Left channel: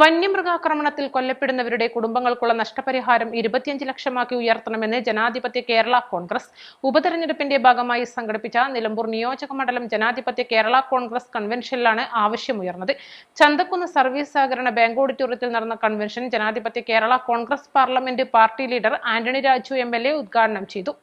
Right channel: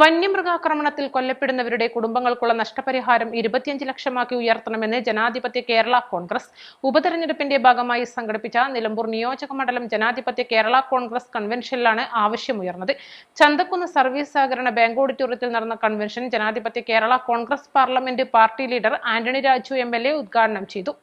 വന്യമൃഗാക്രമണത്തിൽ കൊല്ലപ്പെടുന്നവരുടെ കുടുംബങ്ങൾക്കുള്ള നഷ്ടപരിഹാരം ഇരുപത്തിയഞ്ച് ലക്ഷമാക്കി ഉയർത്തണമെന്ന് ജനാധിപത്യ കേരള കോൺഗ്രസ് ഉപതെരഞ്ഞെടുപ്പിന്റെ ഭാഗമായി സംഘടിപ്പിച്ച നിലമ്പൂർ നിയോജക മണ്ഡലം ജനാധിപത്യ കേരള കോൺഗ്രസ് കൺവെൻഷനിലാണ് ആവശ്യമുയർന്നത്. ചന്തക്കുന്ന് സർവീസ് സഹകരണ ബാങ്ക് ഓഡിറ്റോറിയത്തിൽ നടന്ന കൺവെൻഷൻ ജനാധിപത്യ Kerala Congress parliament party leader Antony Raju M L A ഉദ്ഘാടനം ചെയ്തു.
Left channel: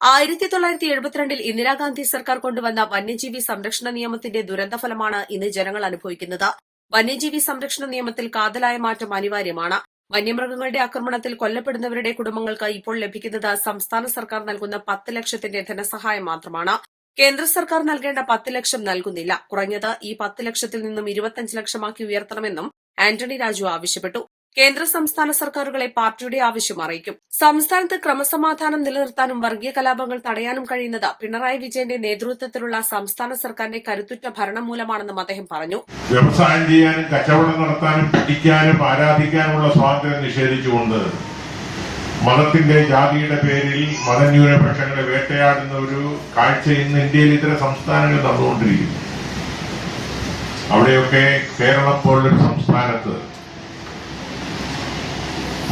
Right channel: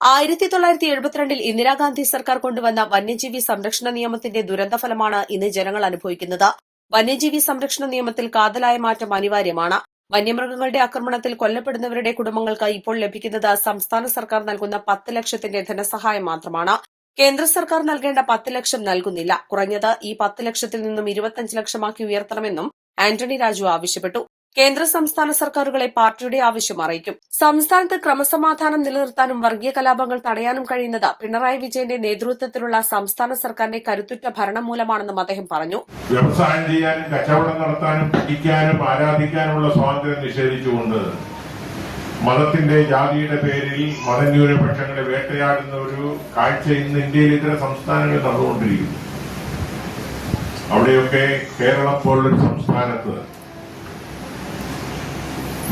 ആയിരത്തി തൊള്ളായിരത്തി എഴുപത്തിരണ്ടിൽ ഇന്ദിരാഗാന്ധി സർക്കാർ കൊണ്ടുവന്ന വന്യജീവി സംരക്ഷണ നിയമത്തിന്റെ ദുരന്തഫലമാണ് ഇന്ന് ജനങ്ങൾ അനുഭവിക്കുന്നത്. വന്യജീവി സംരക്ഷണ നിയമത്തിൽ കാതലായ മാറ്റം അനിവാര്യമാണ്. വന്യമൃഗങ്ങളുടെ ആക്രമണത്തിൽ കൊല്ലപ്പെടുന്നവരുടെ കുടുംബങ്ങൾക്ക് ഇപ്പോൾ ലഭിക്കുന്നത് സംസ്ഥാന സർക്കാർ നൽകുന്ന പത്ത് ലക്ഷത്തിന്റെ ധനസഹായം മാത്രമാണ്. കേന്ദ്ര സർക്കാർ നൽകേണ്ട പത്ത് ലക്ഷം നൽകുന്നില്ല. കുറഞ്ഞത് ഈ പത്ത് ലക്ഷത്തിൽ നിന്നും ഇരുപത്തിയഞ്ച് ലക്ഷമാക്കി ഉയർത്തണമെന്നും ആന്റണി രാജു ആവശ്യപ്പെട്ടു. കേന്ദ്ര സംസ്ഥാന സർക്കാരുകളെ പാർട്ടിയുടെ ആവശ്യം അറിയിക്കും. സംസ്ഥാനത്ത് ക്രമസമാധാനം നിലനിർത്താനും വർഗീയ കലാപങ്ങൾ തടയാനും കഴിയുന്നത് പിണറായി വിജയന്റെ നേതൃത്വത്തിലുള്ള സംസ്ഥാന സർക്കാരിന്റെ കരുത്തുറ്റ ഭരണം മൂലമാണെന്നും അദ്ദേഹം പറഞ്ഞു. വ്യവസായം ചെയ്യാനും കച്ചവടം നടത്താനും പഠിക്കാനും ആരാധിക്കാനുമുള്ള സ്വാതന്ത്ര്യം നിഷേധിച്ചുകൊണ്ട് മതത്തിന്റെ ജാതിയുടെ പേരിൽ മതന്യൂനപക്ഷങ്ങളെ വേട്ടയാടുന്ന ഒരു കാഴ്ച ഇന്ന് ഇന്ത്യയിൽ ഇതര സംസ്ഥാനങ്ങളിൽ നടന്നുകൊണ്ടിരിക്കുന്നു. അവിടെയൊക്കെ കേരളം പോലൊരു സംസ്ഥാനത്ത്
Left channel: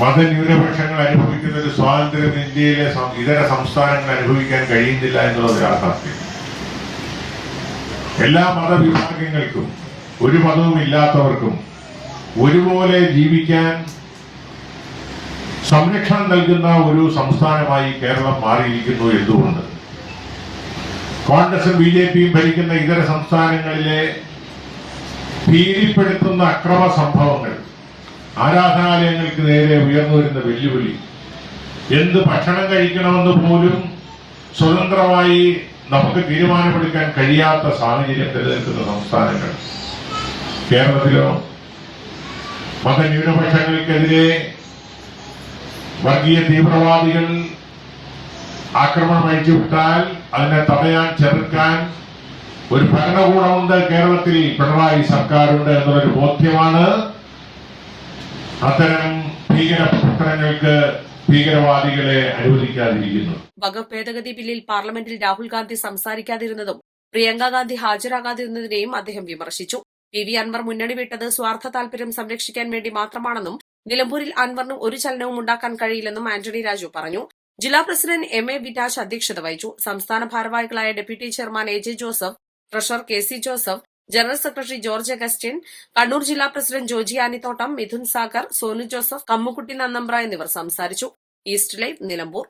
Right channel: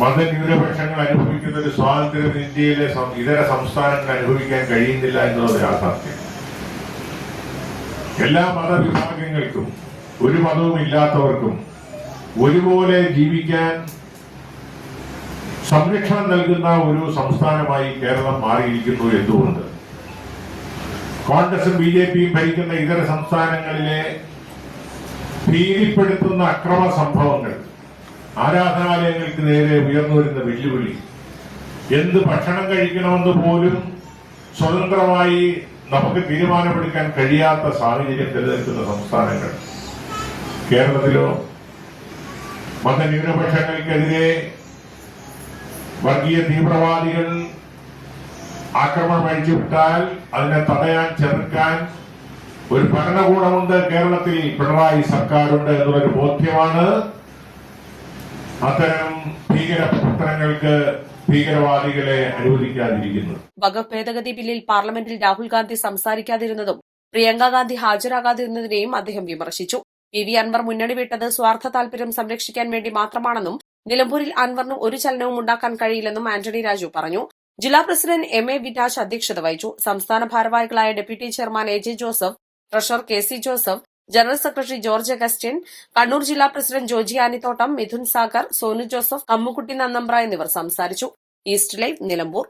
മതന്യൂനപക്ഷങ്ങൾ അനുഭവിക്കുന്ന ഒരു സ്വാതന്ത്ര്യം ഇന്ത്യയിലെ ഇതര സംസ്ഥാനങ്ങൾ അനുഭവിക്കാൻ കഴിയുന്നില്ല എന്നുള്ളത് യാഥാർത്ഥ്യം. എല്ലാ മതവിഭാഗങ്ങൾക്കും ഒരു മതവും ഇല്ലാത്തവർക്കും ഒരുപോലെ ജീവിക്കാൻ സംരക്ഷണം നൽകുന്ന ഒരു സംസ്ഥാനമായി കേരളം മാറിയിരിക്കുന്നു എന്തുകൊണ്ട്? കോൺഗ്രസും ബി ജെ പിയും ഭരിക്കുന്ന ഇതര സംസ്ഥാനങ്ങളിലെ ഭീതിപ്പെടുത്തുന്ന അക്രമ സംഭവങ്ങൾ ആരാധനാലയങ്ങൾക്ക് നേരെ ഉയർന്നു വരുന്ന വെല്ലുവിളി. എന്ത് ഭക്ഷണം കഴിക്കണമെന്ന് പോലും സ്വതന്ത്രമായി നമുക്ക് തീരുമാനമെടുക്കാൻ കഴിയാത്ത സാഹചര്യം നിലനിൽക്കുന്ന സംസ്ഥാനങ്ങൾ. കേരളത്തിലോ മതന്യൂനപക്ഷങ്ങൾക്കെതിരെ വർഗീയ തീവ്രവാദികൾ ആക്രമണം അഴിച്ചുവിട്ടാൽ അതിനെ തടയാൻ ചെറുക്കാൻ ഒരു ഭരണകൂടമുണ്ട് കേരളത്തിൽ. പിണറായി സർക്കാരുണ്ട് എന്നൊരു ബോധ്യമാണ് അത്തരം ഭീകര പ്രവർത്തനങ്ങൾക്ക് ഭീകരവാദികളെ അനുവദിക്കാതിരിക്കുന്നു. വകുപ്പ് ബില്ലിൽ പാർലമെന്റിൽ രാഹുൽ ഗാന്ധി സംസാരിക്കാതിരുന്നതും പ്രിയങ്ക ഗാന്ധി ഹാജരാകാതിരുന്നതിനെയും അദ്ദേഹം വിമർശിച്ചു. പി വി അൻവർ മുന്നണി വിട്ടത് സ്വാർത്ഥ താൽപര്യം സംരക്ഷിക്കാൻ വേണ്ടി മാത്രമാണെന്നും നിലമ്പൂരിൽ അൻവറിന് ഒരു ചലനവും ഉണ്ടാക്കാൻ കഴിയില്ലെന്നും ആന്റണി രാജു പറഞ്ഞു. ജില്ലാ പ്രസിഡന്റ് എം എ വിനാശ് അധ്യക്ഷത വഹിച്ചു. സംസ്ഥാന ഭാരവാഹികളായ deputy chairman A J Joseph treasurer K C Joseph general secretary George Augustine Kannur ജില്ലാ പ്രസിഡന്റ് ജോജി ആനിത്തോട്ടം മിഥുൻ സാഗർ സോനു ജോസഫ് കമ്മുക്കുട്ടി നന്നമ്പ്ര എന്നിവർ സംസാരിച്ചു. East live Nilambur.